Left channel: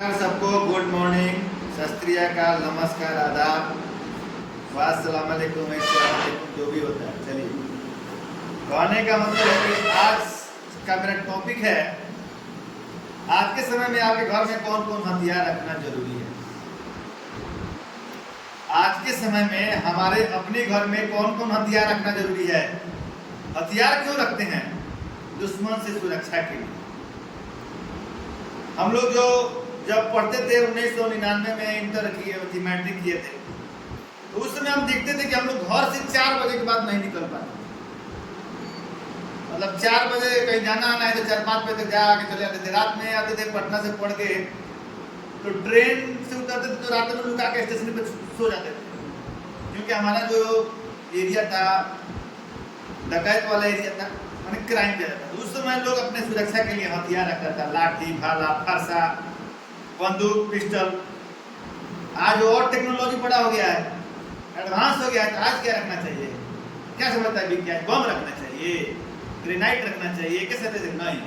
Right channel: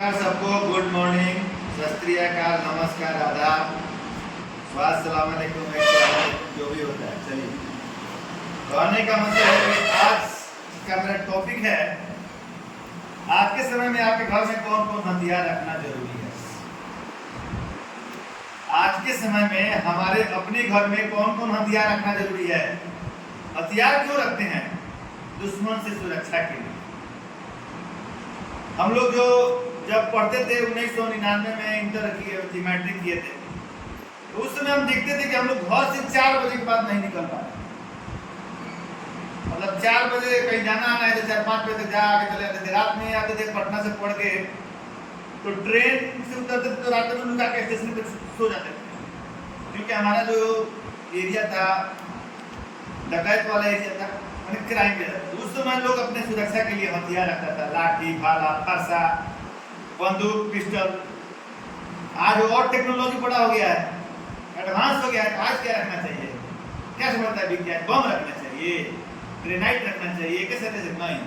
सबको good morning, सत श्री अकाल, नमस्कार, आदाब, अस्सलाम वालेकुम, जो भी होता है। चलिए, कहने का मतलब है कि आज का मेरा टॉपिक है आज के समय में आपके घर में कौन कौन हथियार रखना जरूरी है। आज के समय में हमारे अपने घर में कौन कौन हथियार रखना जरूरी है। हथियार क्यों रखते हैं? दुश्मन से सुरक्षा के लिए। हम लोग जो जब पढ़ते थे 1999 में इंटर किए, मैट्रिक किए थे, तो उस समय हम देखते थे कि हम लोग घर से 4 बजे के बाद नहीं निकल पाते। मतलब 4 बजे कहीं जाना आना है तो 4-5 बजे तक जा आके चले जाते थे। रात में आते थे पटना से पढ़ के, तो ट्रेन से उतरते थे तो रात में लुका के स्टेशन पे सो जाते थे, क्योंकि हमारा जो एरिया था डकैत वाला एरिया था, मैंने क्राइम ज़्यादा था। उस समय लोग अपने सुरक्षा के लिए हथियार रखता था, लाठी, भाला, फरसा, बंदूक, पिस्टल। आज और टेक्नोलॉजी बड़ा हो गया है, एडवांस हो गया है। आज क्या रखना चाहिए? क्या समझता है विज्ञान? बम रखना चाहिए, ग्रेनाइट रखना चाहिए, कैसे कैसे? नहीं,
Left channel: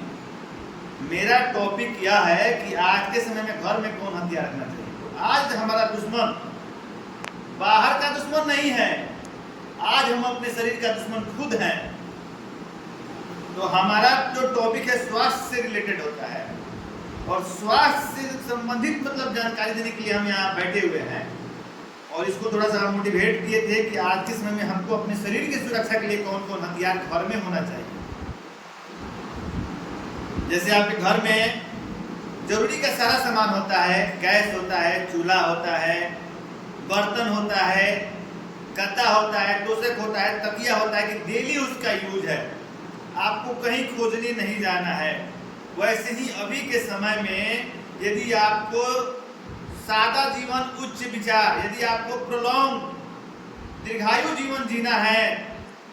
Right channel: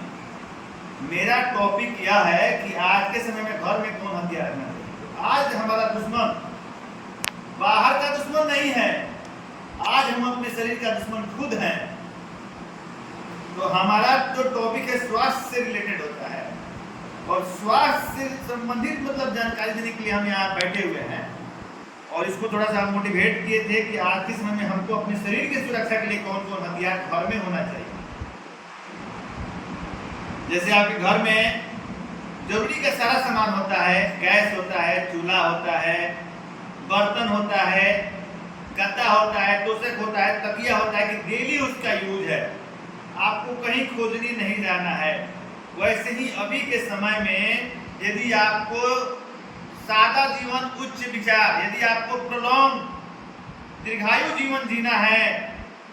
मेरा टॉपिक यह है कि आज के समय में घर में कौन हथियार रखना चाहिए। आज हमारा दुश्मन बाहर का दुश्मन नहीं है, आज हम अपने शरीर का दुश्मन खुद हैं। तो हमारा जो टॉपिक है स्वास्थ्य से रिलेटेड होता है, और स्वास्थ्य से संबंधित मतलब जानकारी देने के लिए हम यहाँ बैठे हुए हैं। और इसको थोड़ा सा मोटिवेट किए थे कि आज के समय में हमको अपने शरीर की सुरक्षा के लिए कौन कौन हथियार घर में होना चाहिए। जैसे आपके घर में जरूरी का सारा सामान होता है, गैस होता है, चूल्हा होता है, बर्तन होता है, गद्दा होता है, तोशक होता है, तकिया होता है, कि डेली उसका यूज है, आपको कहीं खोजने नहीं जाना है। वैसे ही अभी के समय में यदि आपको सादा जीवन, उच्च विचार, यदि आपको प्रोलॉन्ग दीर्घायु जीवन जीना है,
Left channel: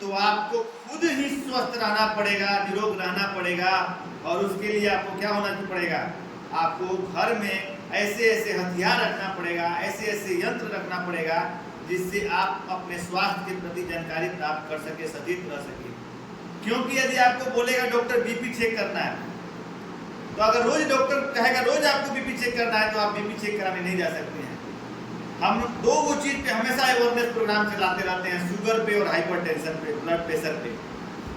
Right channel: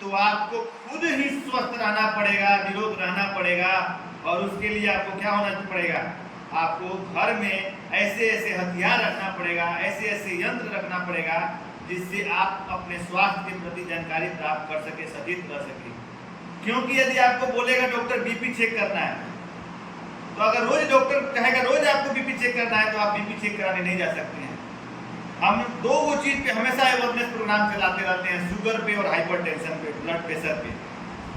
तो आपको खुद ही स्वस्थ रहना पड़ेगा, निरोग रहना पड़ेगा। और उसके लिए आपको क्या होना पड़ेगा? आपको घर में ऐसे ऐसे हथियार रखना पड़ेगा, ऐसे ऐसे यंत्र रखना पड़ेगा, जिससे आप अपने स्वास्थ्य के प्रति जानकारी प्राप्त कर सके, सचेत रह सके। क्योंकि यदि आपको बोलेगा डॉक्टर बीपी चेक करना है, तो अगर रोज डॉक्टर कहेगा रोज आपको बीपी चेक करना है, तो आप बीपी चेक कराने नहीं जा सकते हैं। हम दो वो चीज पे हमेशा अवेयरनेस प्रोग्राम चलाते रहते हैं, शुगर पे और हाइपरटेंशन पे, ब्लड प्रेशर पे,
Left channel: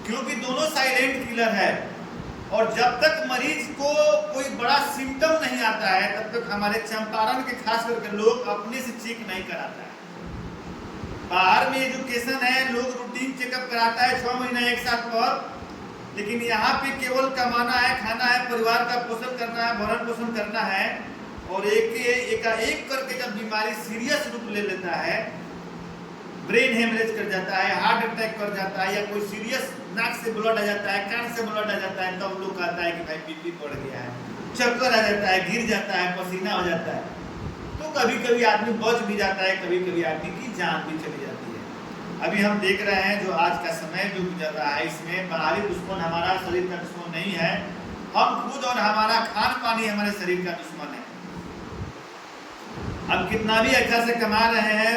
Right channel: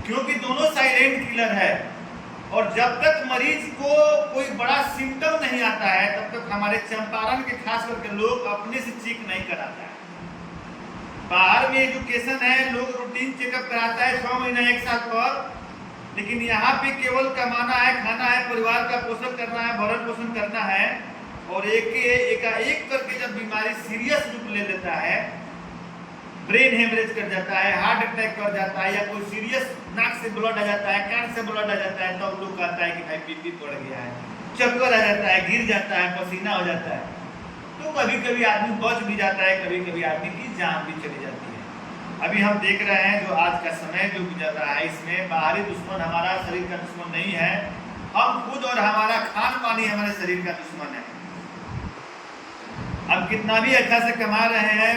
क्योंकि दोनों साइलेंट किलर है। और जब तक मरीज को कोई बड़ा सिम्टम नहीं आता है, तब तक हमारे चंपारण के खास करके लोग अपने से चेक नहीं कराता है। बाहर में एजुकेशन है, लोग रूटीन चेकअप कराता है 6 महीने 1 साल पर, लेकिन यहाँ पे केवल कमाना है, खाना है, परिवार का पोषण करना है, भरण पोषण करना है। और एक करके जब बीमारी सीरियस रूप ले लेता है, ब्रेन हेमरेज कर जाता है, हार्ट अटैक कर जाता है, या कोई सीरियस नाक से ब्लड आ जाता है, कान से ब्लड आ जाता है, तब लोग कहता है कि भाई बीपी बढ़ गया है, चक्कर आ जाता है, गिर जाता है, पसीना हो जाता है। तो कभी कभी आदमी बच भी जाता है, कभी कभी आदमी की जान भी चली जाती है। अभी हम देख रहे हैं जो आज का समय जो गुजर रहा है, इसमें बाहरी दुश्मन हमारा शरीर का दुश्मन नहीं है, हम खुद और हमारा खान पान ही हमारे शरीर का दुश्मन है। हम कितना भी अच्छा से कमा रहे हैं,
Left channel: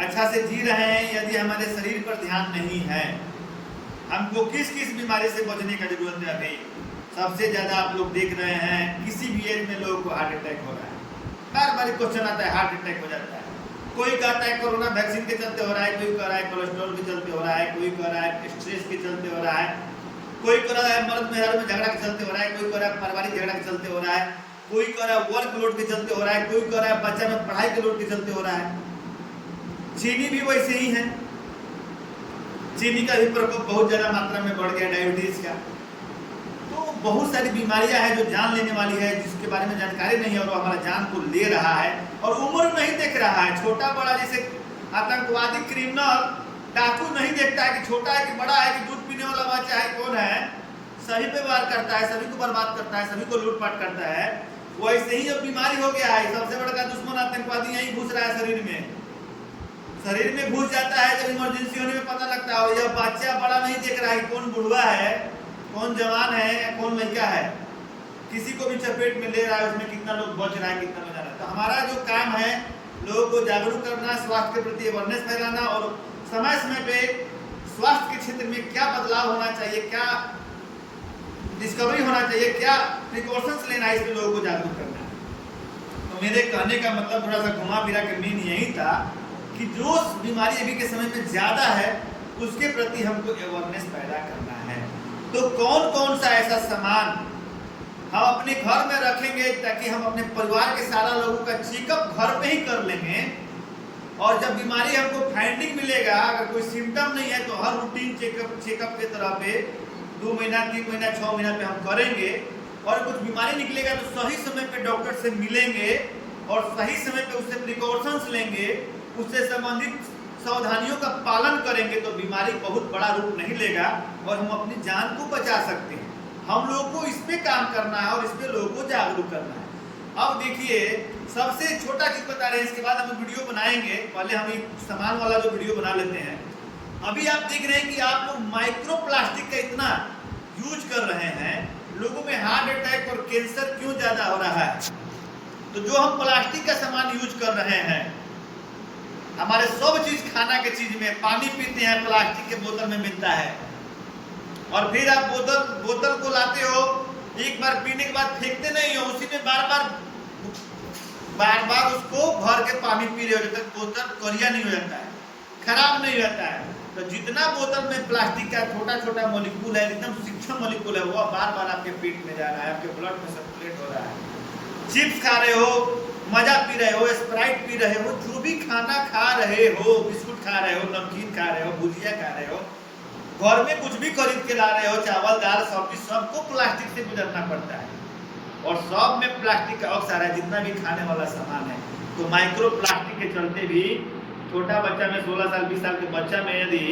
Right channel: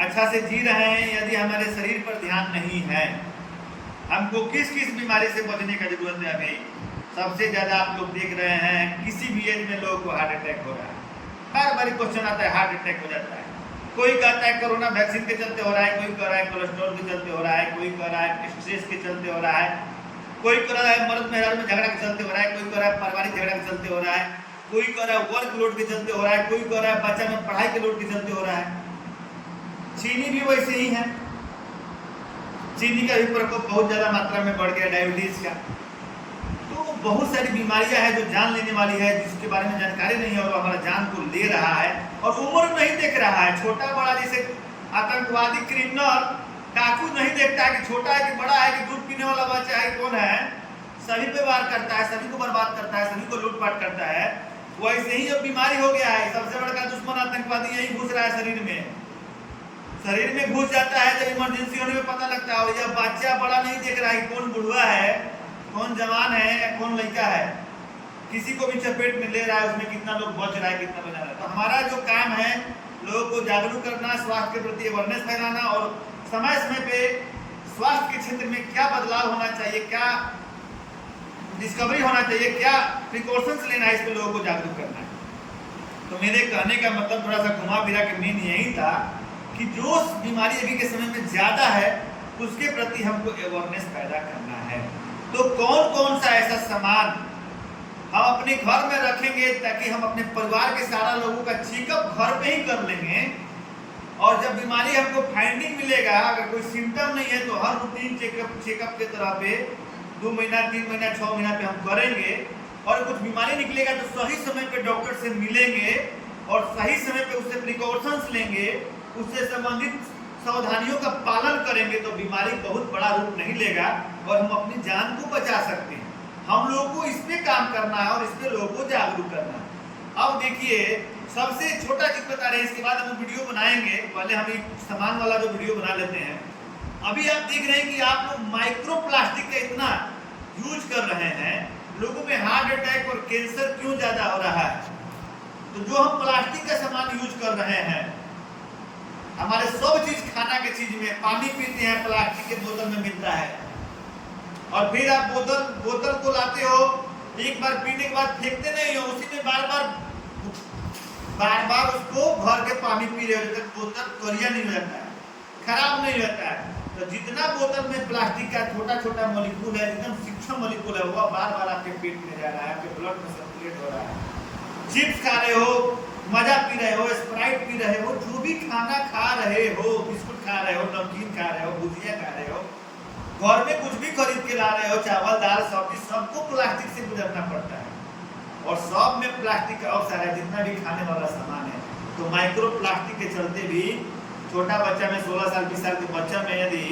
अच्छा से जी रहे हैं, यदि हमारे शरीर पर ध्यान नहीं है, हमको किस किस बीमारी से बचने का जरूरत है। अभी सबसे ज्यादा आप लोग देख रहे हैं, किसी भी एज में लोगों को हार्ट अटैक हो रहा है। बार बार क्वेश्चन आता है, हार्ट अटैक हो जाता है। कोई कहता है कोरोना वैक्सीन के चलते हो रहा है, कोई कह रहा है कोलेस्ट्रॉल के चलते हो रहा है, कोई कह रहा है स्ट्रेस के चलते हो रहा है, कोई कह रहा है मर्द मेहरारू में झगड़ा के चलते हो रहा है, कोई कह रहा है पारिवारिक झगड़ा के चलते हो रहा है, कोई कह रहा है वर्क लोड के चलते हो रहा है, कोई कह रहा है बच्चा में पढ़ाई के लोड के चलते हो रहा है। चीनी भी वैसे ही है, चीनी का भी प्रकोप बहुत ज्यादा मात्रा में बढ़ गया, डायबिटीज का। तो बहुत सारी बीमारियां हैं जो जान लेने वाली है, जिसके बारे में जानकारी नहीं है, और हमारा जान को ले रहा है, और उम्र नहीं देख रहा है। छोटा बड़ा, जैसे आतंकवादी, क्रिमिनल, डाकू नहीं देखता है कि छोटा है कि बड़ा है, कि दूध पीने वाला बच्चा है कौन है, सभी पे वार करता है, सभी को बर्बाद करता है, सभी को लूटपाट करता है। वैसे ही अब बीमारी हो गया है। सबसे बड़ा दुश्मन आतंकवादी यही घुस रहा है शरीर में घुस जाता है। जब इमरजेंसी होने में पता लगता है, यह बच्चा बड़ा नहीं देख रहा है कौन बुढ़वा है, कौन जवान है, या कौन लड़का है, किसी को भी चपेट में ले रहा है, उसमें कितना लोग बच रहा है, कितना लोग जा रहा है। तो हमारा जो काम है, लोगों को जागरूक करना, स्वास्थ्य के प्रति अवेयरनेस फैलाना, और समय समय पे स्वास्थ्य के क्षेत्र में क्या बदलाव होना चाहिए, क्या डिस्कवरी होना चाहिए, क्या प्रिकॉशंस लेना है, इस पर लोगों को जागरूक करना है। तो मेरे कहने का मतलब थोड़ा सा घुमा फिरा के मेन यही था कि जो बीमारी अभी के समय में ज़्यादा है उसके प्रति हमको अवेयरनेस पैदा करना है। तो कौन कौन सा ऐसा सामान हम अपने घर में रखेंगे ताकि हम अपने परिवार के सारा लोगों का चेकअप घर पे ही कर लेंगे, और जब बीमारी हमको फाइंडिंग मिलेगा, अगर कोई सिम्टम नहीं है तो हर रूटीन चेकअप के तरह पे 2 महीना 3 महीना 6 महीना पे हम करेंगे, और कुछ बीमारी निकलेगा तो सही समय पे डॉक्टर से मिलेंगे और सही समय पे उससे प्रिकॉशंस लेंगे, उससे संबंधित सावधानियों का पालन करेंगे तो बीमारी बहुत बड़ा रूप नहीं लेगा और हम अपनी जान को बचा सकते हैं। हम लोगों को इस पे काम करना है और इस पे लोगों को जागरूक करना है। अब देखिए, सबसे छोटा चीज बता रहे हैं, इसके बाद हम वीडियो बनाएंगे। पहले हम एक सामान वाला जो वीडियो बना लेते हैं। अभी आप देख रहे हैं कि आप लोग माइक्रो प्लास्टिक का इतना यूज कर रहे हैं, लोगों में हार्ट अटैक और कैंसर क्यों ज्यादा हो रहा है? तो जो हम प्लास्टिक का सामान यूज कर रहे हैं, हमारे सब चीज खाना के चीज में, पानी पीते हैं प्लास्टिक के बोतल में मिलता है, और फिर आप बोतल को लाते हो, एक बार पीने के बाद फेंकते नहीं हो, उसी में बार बार उसको भर के पानी पी रहे हो, जब तक बोतल करिया नहीं हो जाता है, खराब नहीं होता है। तो जितना बोतल में प्लास्टिक का छोटा छोटा मॉलिक्यूल है, एकदम सूक्ष्म मॉलिक्यूल है, वो बार बार आपके पेट में जा रहा है, आपके ब्लड में सर्कुलेट हो रहा है। चिप्स खा रहे हो, मजा पी रहे हो, स्प्राइट पी रहे हो, जो भी खाना खा रहे हो, बिस्कुट खा रहे हो, नमकीन खा रहे हो, भुजिया खा रहे हो, घर में कुछ भी खरीद के ला रहे हो, चावल दाल सब्जी, सबको प्लास्टिक से गुजरना पड़ता है, और सब में प्लास्टिक का अक्सर है, जितना भी खाने वाला सामान है। तो माइक्रो प्लास्टिक के चलते भी छोटा बच्चा में, 16 साल 20 साल के बच्चा में यदि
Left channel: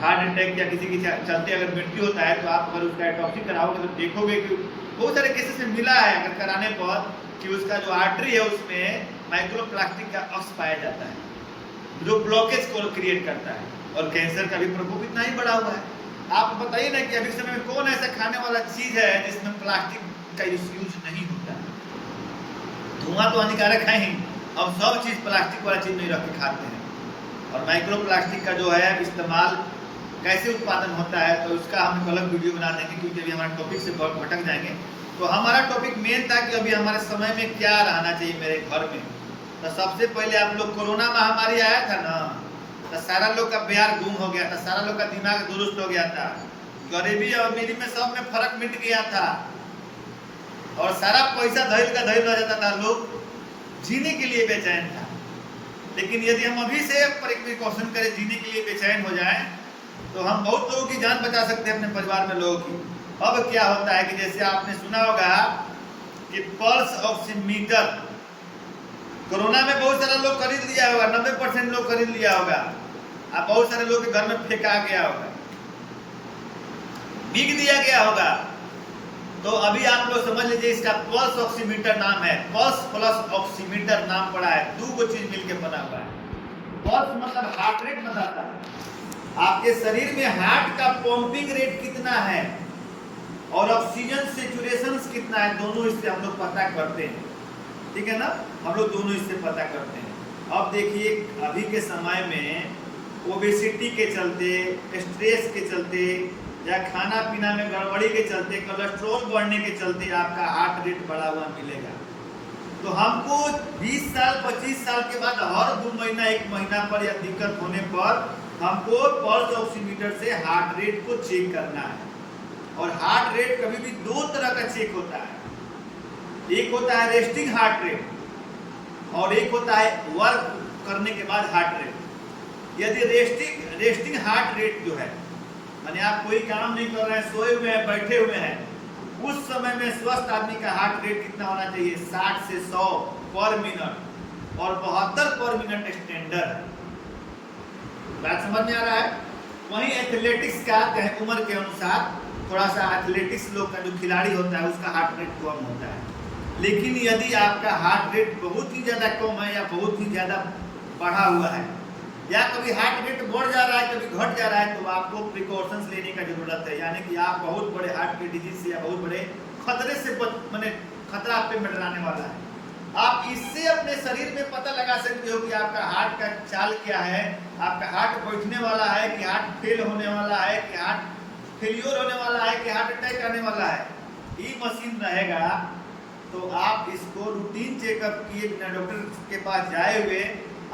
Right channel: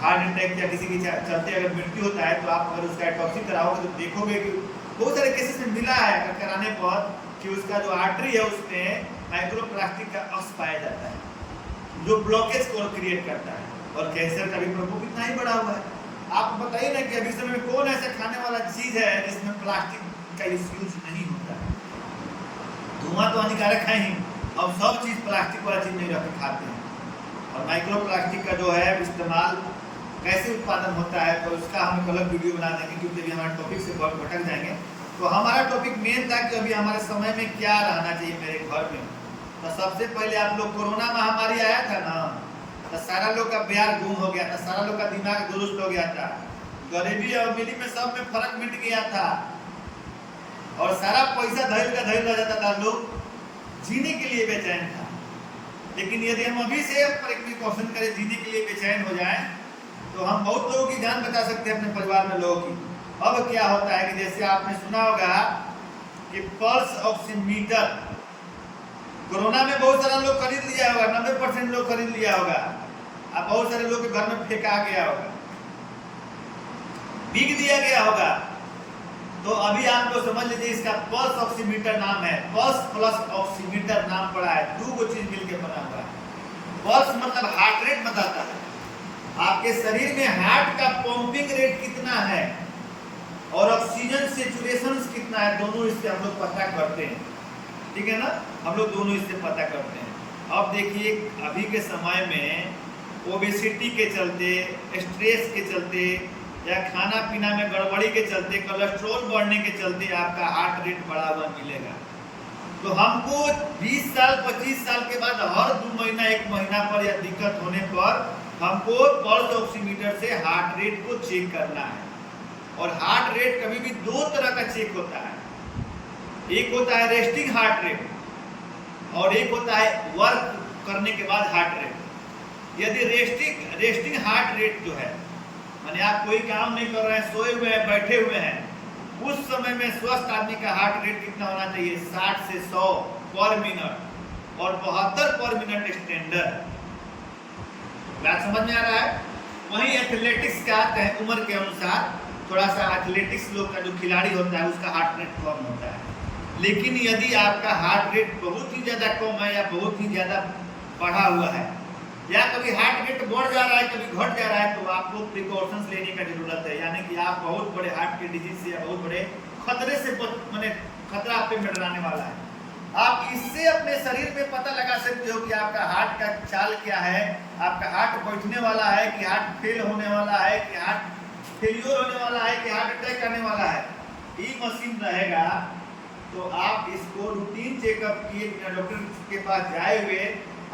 हार्ट अटैक या किसी के चलते अगर मृत्यु होता है, तो आप अगर उसका ऑटोप्सी कराओगे तो देखोगे कि बहुत सारे केसेस में मिला है अगर कराने पर कि उसका जो आर्टरी है उसमें माइक्रो प्लास्टिक का अक्स पाया जाता है, जो ब्लॉकेज को क्रिएट करता है, और कैंसर का भी प्रकोप इतना ही बढ़ा हुआ है। आप बताइए ना कि अभी समय में कौन ऐसा खाने वाला चीज है जिसमें प्लास्टिक का यूज नहीं होता है? धुआं तो हानिकारक है ही, और सब चीज प्लास्टिक वाला चीज नहीं रख के खाते हैं। और माइक्रो प्लास्टिक का जो है इस्तेमाल कैसे उत्पादन होता है, तो उसका हम एक अलग वीडियो बना देंगे, क्योंकि अभी हमारे टॉपिक से बहुत भटक जाएंगे। तो हमारा टॉपिक मेन था कि अभी हमारे समय में क्या रहना चाहिए मेरे घर में। तो सबसे पहले आप लोग, कोरोना महामारी आया था ना, तो सारा लोग का प्यार गुम हो गया था, सारा लोग का दिमाग दुरुस्त हो गया था, गरीबी और अमीरी में सब में फर्क मिट गया था, और सारा पैसा धैल का धैल रह जाता था, लोग जीने के लिए बेचैन था। लेकिन यदि हम अभी से प्रिकॉशन करें, जीने के लिए बेचैन हो जाए, तो हम बहुत लोगों की जान बचा सकते हैं, अपने परिवार में लोगों की। अब क्या होता है कि जैसे आपने सुना होगा कि पल्स ऑक्सीमीटर, कोरोना में बहुत सारा लोग खरीद लिया होगा, 90% लोग खरीद लिया होगा, अब बहुत सारे लोग के घर में फेंका गया होगा, बिक दिया गया होगा। तो अभी आप लोग समझ लीजिए, इसका पल्स ऑक्सीमीटर नाम है, पल्स प्लस ऑक्सीमीटर नाम पड़ा है, 2 चीज मिलकर बना हुआ है। पल्स मतलब हार्ट रेट बताता है, आपके शरीर में हार्ट का पंपिंग रेट कितना है, और ऑक्सीजन सेचुरेशन कितना है, दोनों इससे हम लोग पता करते हैं। ठीक है ना, हम लोग दोनों इससे पता करते हैं। अब देखिए, अभी के समय में ओबेसिटी के चलते, स्ट्रेस के चलते, या खाना पीना में गड़बड़ी के चलते, कोलेस्ट्रॉल बढ़ने के चलते आपका हार्ट रेट बढ़ा हुआ मिलेगा। तो हमको 20 साल 25 साल के बाद हर 2 महीना 1 महीना पर या दिक्कत होने पर हमको पल्स ऑक्सीमीटर से हार्ट रेट को चेक करना है। और हार्ट रेट कभी भी 2 तरह का चेक होता है, एक होता है रेस्टिंग हार्ट रेट, और एक होता है वर्क करने के बाद हार्ट रेट। यदि रेस्टिंग हार्ट रेट जो है, माने आप कोई काम नहीं कर रहे हैं, सोए हुए हैं, बैठे हुए हैं, उस समय में स्वस्थ आदमी का हार्ट रेट कितना होना चाहिए? 60 से 100 पर मिनट, और 72 पर मिनट स्टैंडर्ड है। बात समझ में आ रहा है? वहीं एथलेटिक्स का उम्र के अनुसार थोड़ा सा एथलेटिक्स लोग का जो खिलाड़ी होता है उसका हार्ट रेट कम होता है। लेकिन यदि आपका हार्ट रेट बहुत ही ज़्यादा कम है या बहुत ही ज़्यादा बढ़ा हुआ है, या कभी हार्ट रेट बढ़ जा रहा है, कभी घट जा रहा है, तो आपको प्रिकॉशंस लेने का जरूरत है। यानी कि आप बहुत बड़े हार्ट के डिजीज से या बहुत बड़े खतरे से माने खतरा आप पे मंडराने वाला है। आप इससे अपने शरीर में पता लगा सकते हो कि आपका हार्ट का चाल क्या है, आपका हार्ट बैठने वाला है कि हार्ट फेल होने वाला है, कि हार्ट फेलियर होने वाला है, कि हार्ट अटैक आने वाला है। ये मशीन रहेगा तो आप इसको रूटीन चेकअप किए बिना डॉक्टर के पास जाए हुए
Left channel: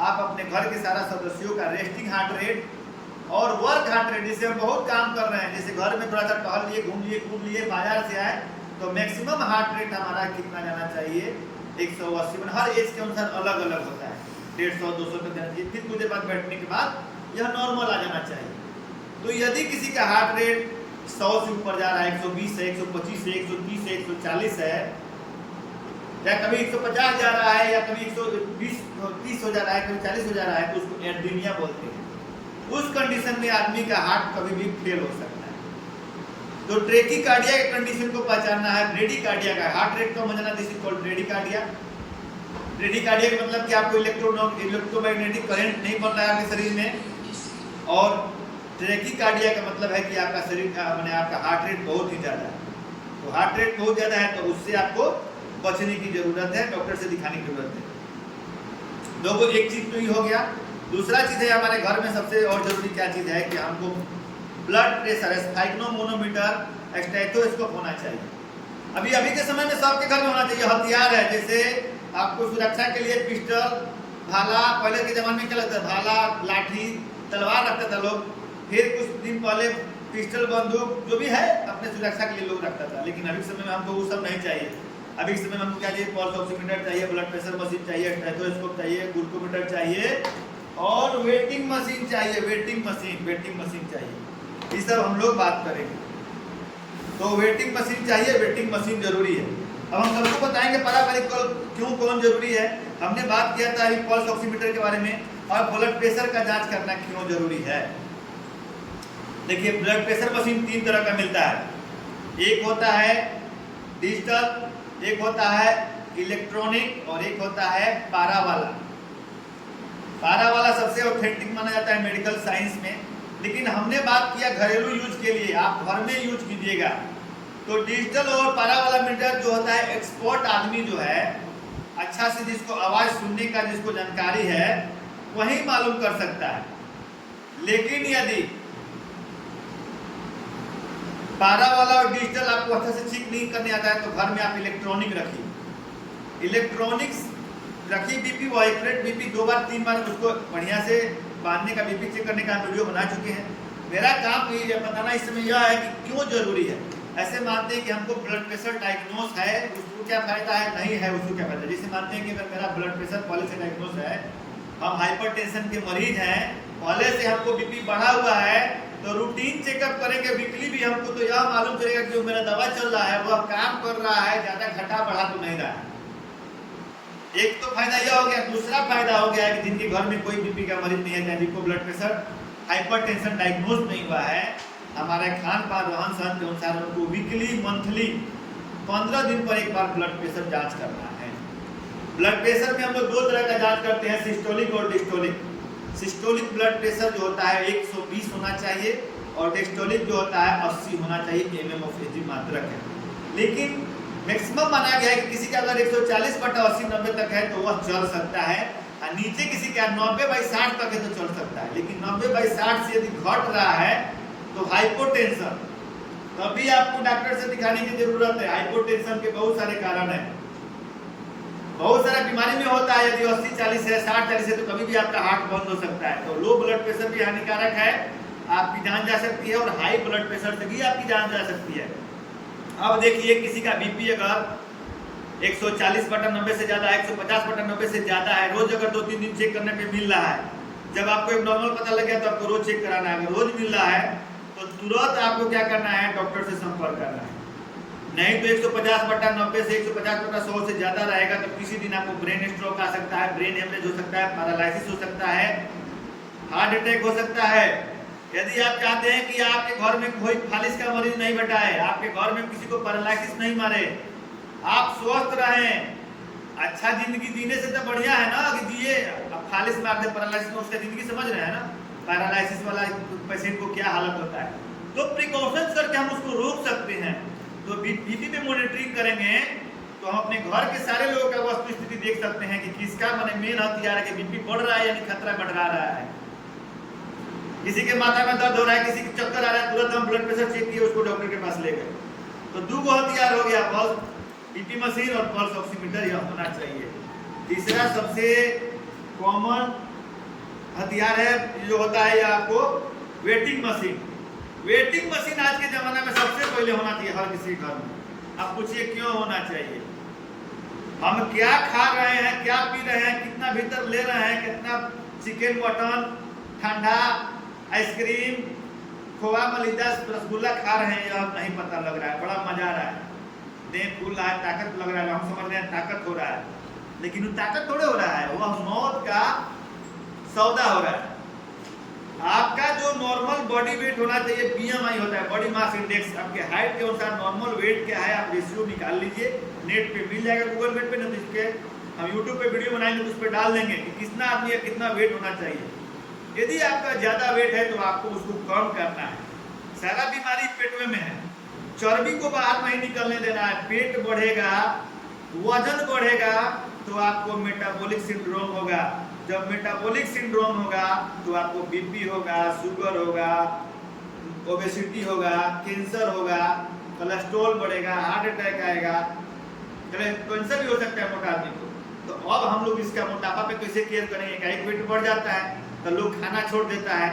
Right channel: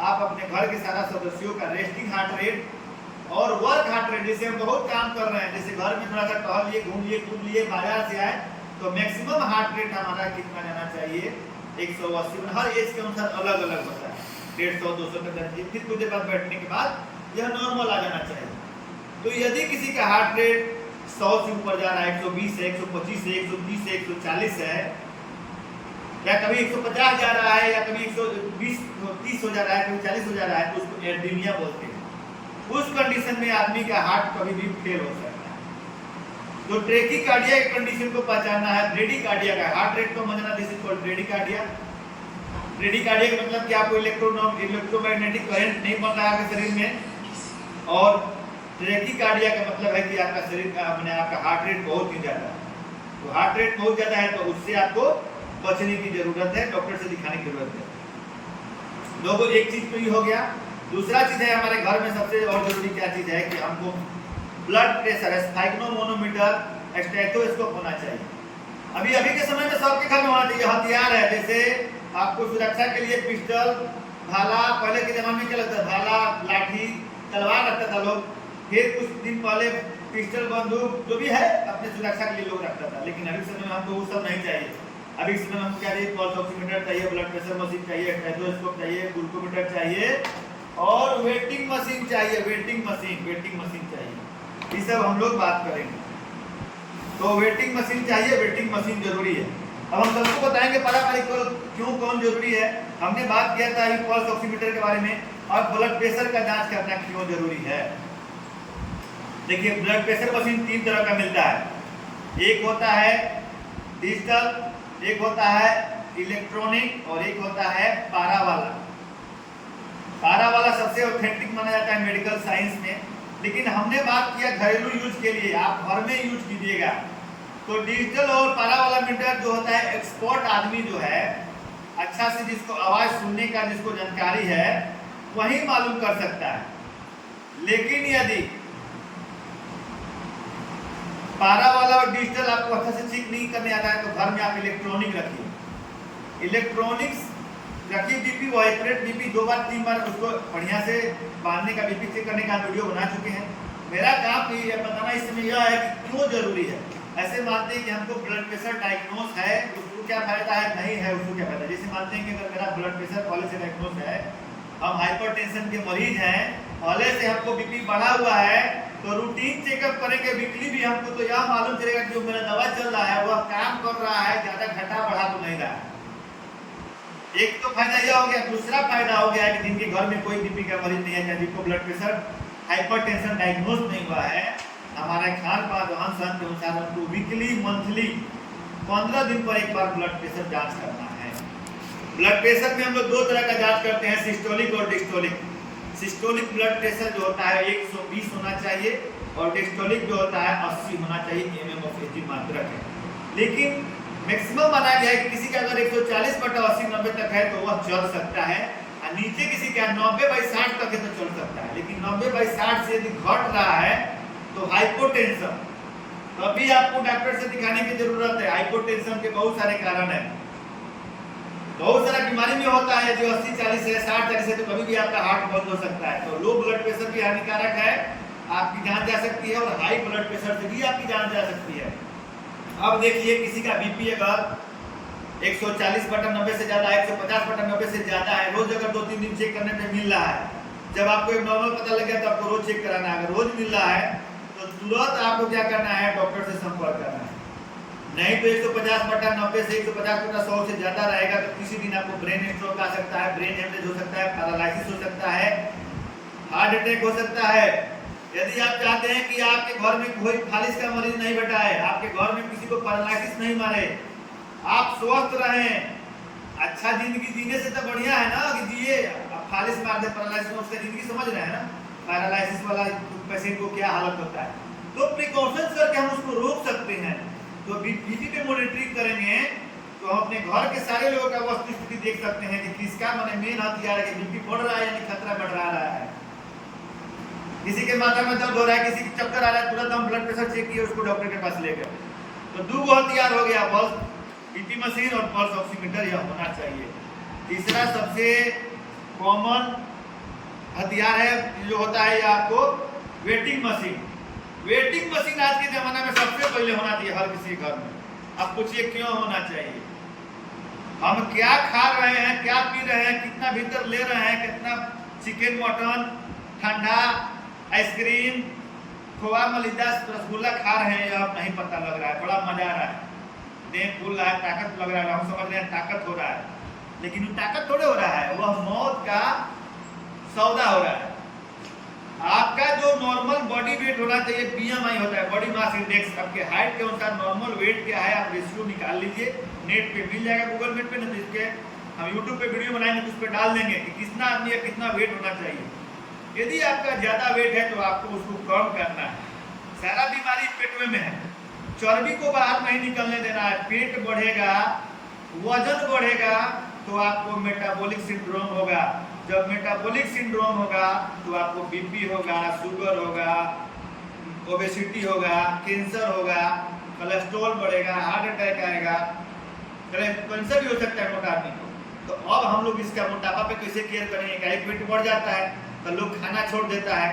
आप अपने घर के सारा सदस्यों का रेस्टिंग हार्ट रेट और वर्क हार्ट रेट, जैसे हम बहुत काम कर रहे हैं, जैसे घर में थोड़ा सा टहल लिए, घूम लिए, कूद लिए, बाजार से आए, तो मैक्सिमम हार्ट रेट हमारा कितना जाना चाहिए, 180। हर एज के अनुसार अलग अलग होता है, 150 200 तक जाना चाहिए। फिर कुछ देर बाद बैठने के बाद यह नॉर्मल आ जाना चाहिए। तो यदि किसी का हार्ट रेट 100 से ऊपर जा रहा है, 120 है, 125 है, 130 है, 140 है, या कभी 150 जा रहा है, या कभी 120 30 हो जा रहा है, कभी 40 हो जा रहा है, तो उसको एर्दीमिया बोलते हैं। उस कंडीशन में आदमी का हार्ट कभी भी फेल हो सकता है। तो ट्रेकीकार्डिया के कंडीशन को पहचानना है। ब्रेडीकार्डिया का हार्ट रेट को समझना, दिस इज कॉल्ड ब्रेडीकार्डिया। ब्रेडीकार्डिया का मतलब कि आपको इलेक्ट्रोमैग्नेटिक करंट नहीं बन रहा है आपके शरीर में, और ट्रेकीकार्डिया का मतलब है कि आपका शरीर का मैंने आपका हार्ट रेट बहुत ही ज़्यादा है। तो हार्ट रेट बहुत ज़्यादा है तो उससे आपको बचने की जरूरत है, डॉक्टर से दिखाने की जरूरत है। लोगों एक चीज तो ये हो गया। दूसरा चीज है हमारे घर में सबसे और जरूरी क्या चीज है कि हमको ब्लड प्रेशर, स्फाइग्नोमोनोमीटर, स्टेथोस्कोप होना चाहिए। अभी के समय में सबके घर में होना चाहिए। हथियार है, जैसे आपको सुरक्षा के लिए पिस्टल, भाला, पहले के जमाने में क्या लगता था, भाला, लाठी, तलवार रखता था लोग। फिर कुछ दिन पहले पिस्टल, बंदूक, जो भी है अपने सुरक्षा के लिए लोग रखता था। लेकिन अभी के समय में हमको वो सब नहीं चाहिए। अभी के समय में हमको क्या चाहिए, पल्स ऑक्सीमीटर चाहिए, ब्लड प्रेशर मशीन चाहिए, स्टेथोस्कोप चाहिए, ग्लूकोमीटर चाहिए और वेटिंग मशीन चाहिए। वेटिंग मशीन चाहिए। ये सब हम लोग बात करेंगे। तो वेटिंग मशीन चाहिए, वेटिंग मशीन जरूरी है। अब हम सबको बताएंगे पारावारिक क्यों कौन जरूरी है। हमने बात किया था पल्स ऑक्सीमीटर के बारे में, और ब्लड प्रेशर का जांच करना क्यों जरूरी है। देखिए, ब्लड प्रेशर मशीन 3 तरह का मिलता है। एक होता है डिजिटल, एक होता है इलेक्ट्रॉनिक, और एक होता है पारा वाला। पारा वाला सबसे ऑथेंटिक माना जाता है मेडिकल साइंस में। लेकिन हमने बात किया घरेलू यूज के लिए, आप घर में यूज कीजिएगा। तो डिजिटल और पारा वाला मीटर जो होता है, एक्सपर्ट आदमी जो है, अच्छा से जिसको आवाज सुनने का जिसको जानकारी है, वही मालूम कर सकता है। लेकिन यदि पारा वाला और डिजिटल आपको अच्छा से चेक नहीं करने आता है, तो घर में आप इलेक्ट्रॉनिक रखिए। इलेक्ट्रॉनिक्स रखिए, बीपी वाइब्रेट, बीपी 2 बार 3 बार उसको बढ़िया से बांधने का, बीपी चेक करने का वीडियो बना चुके हैं। मेरा काम ये बताना इस समय यह है कि क्यों जरूरी है। ऐसे मानते हैं कि हमको ब्लड प्रेशर डायग्नोस है, उसको क्या फायदा है, नहीं है उसको क्या फायदा। जैसे मानते हैं कि अगर मेरा ब्लड प्रेशर पहले से डायग्नोस है, हम हाइपरटेंशन के मरीज हैं, पहले से हमको बीपी बढ़ा हुआ है, तो रूटीन चेकअप करेंगे वीकली भी, हमको तो यह मालूम चलेगा कि जो मेरा दवा चल रहा है वह काम कर रहा है, ज्यादा घटा बढ़ा तो नहीं रहा है। एक तो फायदा यह हो गया। दूसरा फायदा हो गया कि जिनके घर में कोई बीपी का मरीज नहीं है, जिनको ब्लड प्रेशर हाइपरटेंशन डायग्नोज नहीं हुआ है, हमारे खान पान रहन सहन के अनुसार उनको वीकली, मंथली 15 दिन पर एक बार ब्लड प्रेशर जांच करना है। ब्लड प्रेशर में हम लोग 2 तरह का जांच करते हैं, सिस्टोलिक और डिस्टोलिक। सिस्टोलिक ब्लड प्रेशर जो होता है 120 होना चाहिए, और डिस्टोलिक जो होता है 80 होना चाहिए, mm of Hg मात्रक है। लेकिन मैक्सिमम माना गया है कि किसी का अगर 140/80 90 तक है तो वह चल सकता है, और नीचे किसी का 90/60 तक है तो चल सकता है। लेकिन 90/60 से यदि घट रहा है तो हाइपोटेंशन, तभी आपको डॉक्टर से दिखाने की जरूरत है। हाइपोटेंशन के बहुत सारे कारण है, बहुत सारा बीमारी में होता है। यदि 80-40 है, 60-40 है, तो कभी भी आपका हार्ट बंद हो सकता है। तो लो ब्लड प्रेशर भी हानिकारक है, आपकी जान जा सकती है, और हाई ब्लड प्रेशर से भी आपकी जान जा सकती है। अब देखिए, किसी का बीपी अगर 140/90 से ज्यादा, 150/90 से ज्यादा है, रोज अगर 2-3 दिन चेक करने पे मिल रहा है, जब आपको एक नॉर्मल पता लगे तो आपको रोज चेक कराना है। अगर रोज मिल रहा है तो तुरंत आपको क्या करना है, डॉक्टर से संपर्क करना है। नहीं तो 150/90 से 150/100 से ज्यादा रहेगा तो किसी दिन आपको ब्रेन स्ट्रोक आ सकता है, ब्रेन हेमरेज हो सकता है, पैरालिसिस हो सकता है, हार्ट अटैक हो सकता है। यदि आप चाहते हैं कि आपके घर में कोई फालिस का मरीज नहीं बैठाए, आपके घर में किसी को पैरालिसिस नहीं मारे, आप स्वस्थ रहें, अच्छा जिंदगी जीने से तो बढ़िया है ना कि जिए। अब फालिस मार दे, पैरालिसिस में, उसका जिंदगी समझ रहे हैं ना, पैरालिसिस वाला पेशेंट को क्या हालत होता है। तो प्रिकॉशंस करके हम उसको रोक सकते हैं। तो बीपी पे मॉनिटरिंग करेंगे तो हम अपने घर के सारे लोगों का वस्तु स्थिति देख सकते हैं कि किसका मैंने मेन हथियार है कि बीपी बढ़ रहा है यानी खतरा बढ़ रहा है। किसी के माथा में दर्द हो रहा है, किसी के चक्कर आ रहा है, तुरंत हम ब्लड प्रेशर चेक किए, उसको डॉक्टर के पास ले गए। तो 2 हथियार हो गया, बीपी मशीन और पल्स ऑक्सीमीटर यह होना चाहिए। तीसरा सबसे कॉमन हथियार है जो होता है, यह आपको वेटिंग मशीन। वेटिंग मशीन आज के जमाना में सबसे पहले होना चाहिए हर किसी घर में। अब पूछिए क्यों होना चाहिए? हम क्या खा रहे हैं, क्या पी रहे हैं, कितना भीतर ले रहे हैं, कितना चिकन, मटन, ठंडा, आइसक्रीम, खोआ, मलिदा, रसगुल्ला खा रहे हैं, यह नहीं पता लग रहा है। बड़ा मजा आ रहा है, देह फूल रहा है, ताकत लग रहा है, हम समझ रहे हैं ताकत हो रहा है, लेकिन वो ताकत थोड़े हो रहा है, वह मौत का सौदा हो रहा है। आपका जो नॉर्मल बॉडी वेट होना चाहिए, बीएमआई होता है, बॉडी मास इंडेक्स, आपके हाइट के अनुसार नॉर्मल वेट क्या है, आप रेशियो निकाल लीजिए। नेट पे मिल जाएगा, गूगल मेट पे, नहीं तो इसके हम यूट्यूब पे वीडियो बनाएंगे तो उस पर डाल देंगे कि कितना आदमी का कितना वेट होना चाहिए। यदि आपका ज्यादा वेट है तो आपको उसको कम करना है। सारा बीमारी पेट में है, चर्बी को बाहर नहीं निकलने देना है। पेट बढ़ेगा, वजन बढ़ेगा तो आपको मेटाबॉलिक सिंड्रोम होगा। जब मेटाबॉलिक सिंड्रोम होगा तो आपको बीपी होगा, शुगर होगा, ओबेसिटी होगा, कैंसर होगा, कोलेस्ट्रॉल बढ़ेगा, हार्ट अटैक आएगा, कैंसर भी हो सकता है मोटा आदमी को। तो अब हम लोग इसका मोटापा पे कैसे केयर करेंगे? एक वेट बढ़ जाता है तो लोग खाना छोड़ देता है,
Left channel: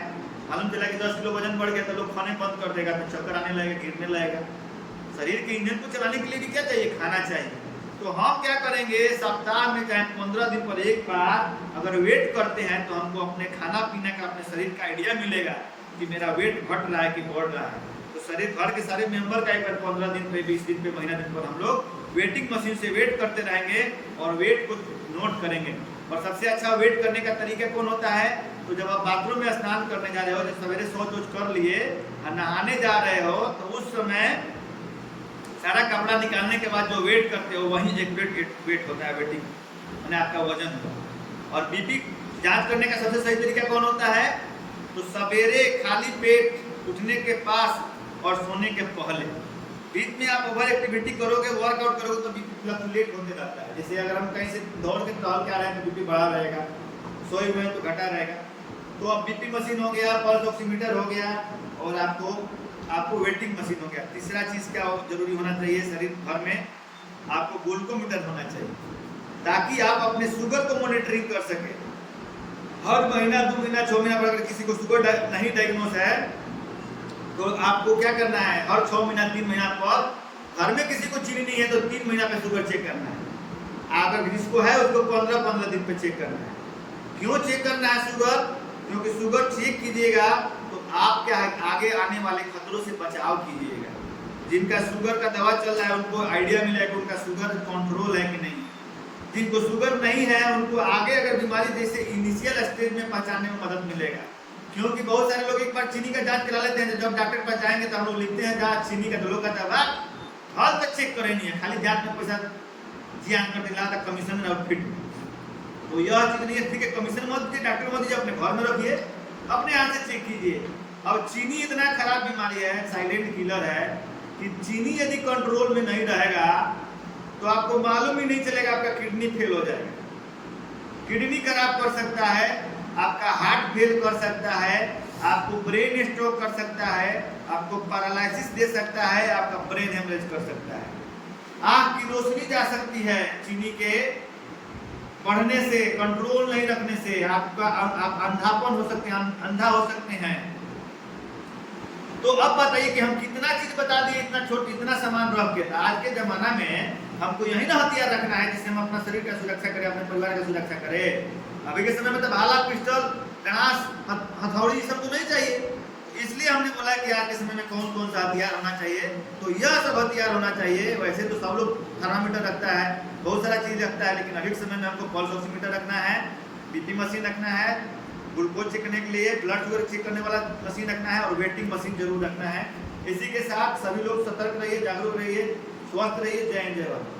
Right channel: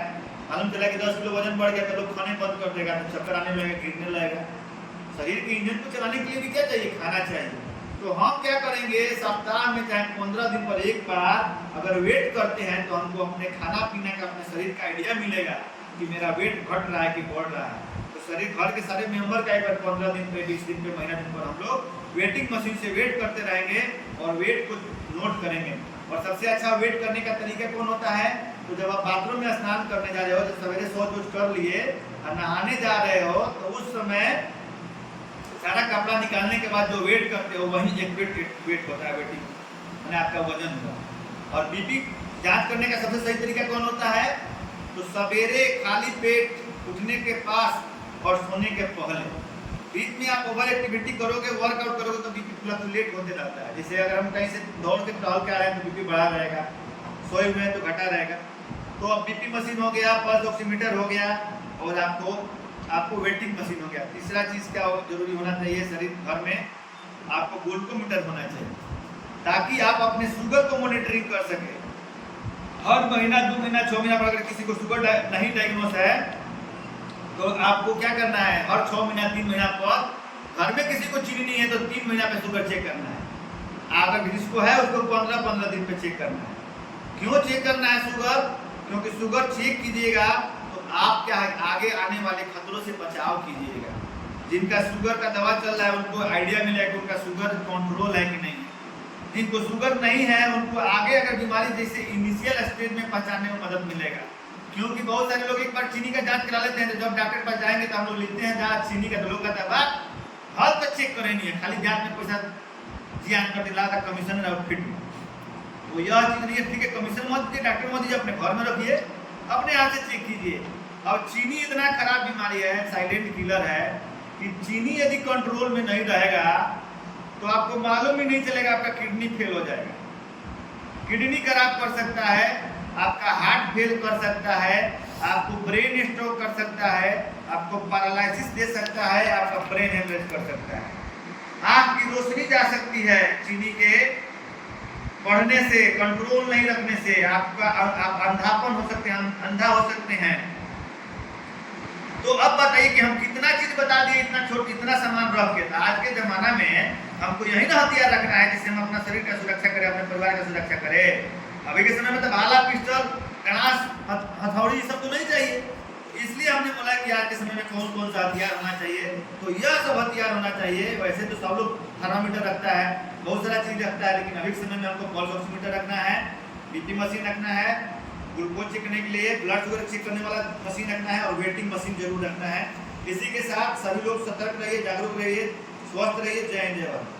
मालूम चला कि 10 किलो वजन बढ़ गया तो लोग खाने बंद कर देगा, तो चक्कर आने लगेगा, गिरने लगेगा। शरीर के इंजन को चलाने के लिए भी क्या चाहिए? खाना चाहिए। तो हम क्या करेंगे, सप्ताह में चाहे 15 दिन पर एक बार अगर वेट करते हैं तो हमको अपने खाना पीने का, अपने शरीर का आइडिया मिलेगा कि मेरा वेट घट रहा है कि बढ़ रहा है। तो शरीर, घर के सारे मेंबर का एक बार 15 दिन पे, 20 दिन पे, महीना दिन पर हम लोग वेटिंग मशीन से वेट करते रहेंगे और वेट को नोट करेंगे। और सबसे अच्छा वेट करने का तरीका कौन होता है? तो जब आप बाथरूम में स्नान करने जा रहे हो, जब सवेरे शौच कर लिए और नहाने जा रहे हो, तो उस समय सारा कपड़ा निकालने के बाद जो वेट करते हो वही एक्यूरेट वेट होता है, वेटिंग मैंने आपका वजन होगा। और बीपी जांच करने का सबसे सही तरीका कौन होता है? तो सवेरे खाली पेट उठने के पास और सोने के पहले, बीच में आप ओवर एक्टिविटी करोगे, वर्कआउट करोगे तो बीपी फ्लक्चुएट होते रहता है। जैसे अगर हम कहीं से दौड़ के टहल के आ रहे हैं तो बीपी बढ़ा रहेगा, सोए हुए हैं तो घटा रहेगा। तो अब बीपी मशीन हो गया, पल्स ऑक्सीमीटर हो गया और आपको वेटिंग मशीन हो गया। तीसरा चीज क्या जरूरी होना चाहिए शरीर घर में? आपको ग्लूकोमीटर होना चाहिए, ताकि आप अपने शुगर को मॉनिटरिंग कर सके। हर महीना, 2 महीना, 6 महीना पर अगर किसी को शुगर नहीं डायग्नोस है तो आपको क्या करना है? हर 6 महीना, 3 महीना पर, घर में किसी को चीनी नहीं है तो 3 महीना पे शुगर चेक करना है। अगर जिसको है उसको 15-15 दिन पे चेक करना है। क्यों चेक करना है शुगर? क्योंकि शुगर चेक कीजिएगा तो आप क्या है, आगे आने वाले खतरों से बचाव कीजिएगा। जिनका शुगर का दवा चल रहा है उनको आइडिया मिलेगा कि उनका शुगर कंट्रोल है कि नहीं है। जिनको शुगर नहीं है उनको आगे अगर बीमारी जैसे इनिशियल स्टेज में पहचानने में मदद मिलेगा। क्योंकि बहुत सारे लोग एक बार चीनी का जांच करा लेते हैं, तो जब डॉक्टर के पास जाएंगे तो हम लोग लिखते हैं जांच चीनी का, तो लोग कहता है हाल तक चेक करे नहीं है, खाली जांच में पैसा जियान कर दिला था कमीशन आउटफिट में। तो यह चीज नहीं है, ठीक है, कमीशन मत दीजिए, डॉक्टर मत दीजिए, अपने घर में रखिए, अपने हाथ से चेक कीजिए। अब चीनी इतना खराब बीमारी है, साइलेंट किलर है, कि चीनी यदि कंट्रोल में नहीं रहेगा तो आपको मालूम ही नहीं चलेगा, आपका किडनी फेल हो जाएगा, किडनी खराब कर सकता है, आपका हार्ट फेल कर सकता है, आपको ब्रेन स्ट्रोक कर सकता है, आपको पैरालिसिस दे सकता है, आपका ब्रेन हेमरेज कर सकता है, आंख की रोशनी जा सकती है चीनी के बढ़ने से, कंट्रोल नहीं रखने से, आप अंधापन हो सकते हैं, अंधा हो सकते हैं। तो अब बताइए कि हम कितना चीज बता दिए इतना छोटा, इतना सामान रख के। आज के जमाना में हमको यही ना हथियार रखना है जिससे हम अपना शरीर का सुरक्षा करें, अपने परिवार का सुरक्षा करें। अभी के समय में तो भाला, पिस्टल, गणास, हथौड़ी सब तो नहीं चाहिए। इसलिए हमने बोला कि आज के समय में कौन कौन सा हथियार होना चाहिए, तो यह सब हथियार होना चाहिए। वैसे तो सब लोग थर्मामीटर रखता है, बहुत सारा चीज रखता है, लेकिन अभी के समय में हमको पल्स ऑक्सीमीटर रखना है, बीपी मशीन रखना है, ग्लूकोज चेक करने के लिए ब्लड शुगर चेक करने वाला मशीन रखना है, और वेटिंग मशीन जरूर रखना है। इसी के साथ सभी लोग सतर्क रहिए, जागरूक रहिए, स्वस्थ रहिए। जय हिंद, जय भारत।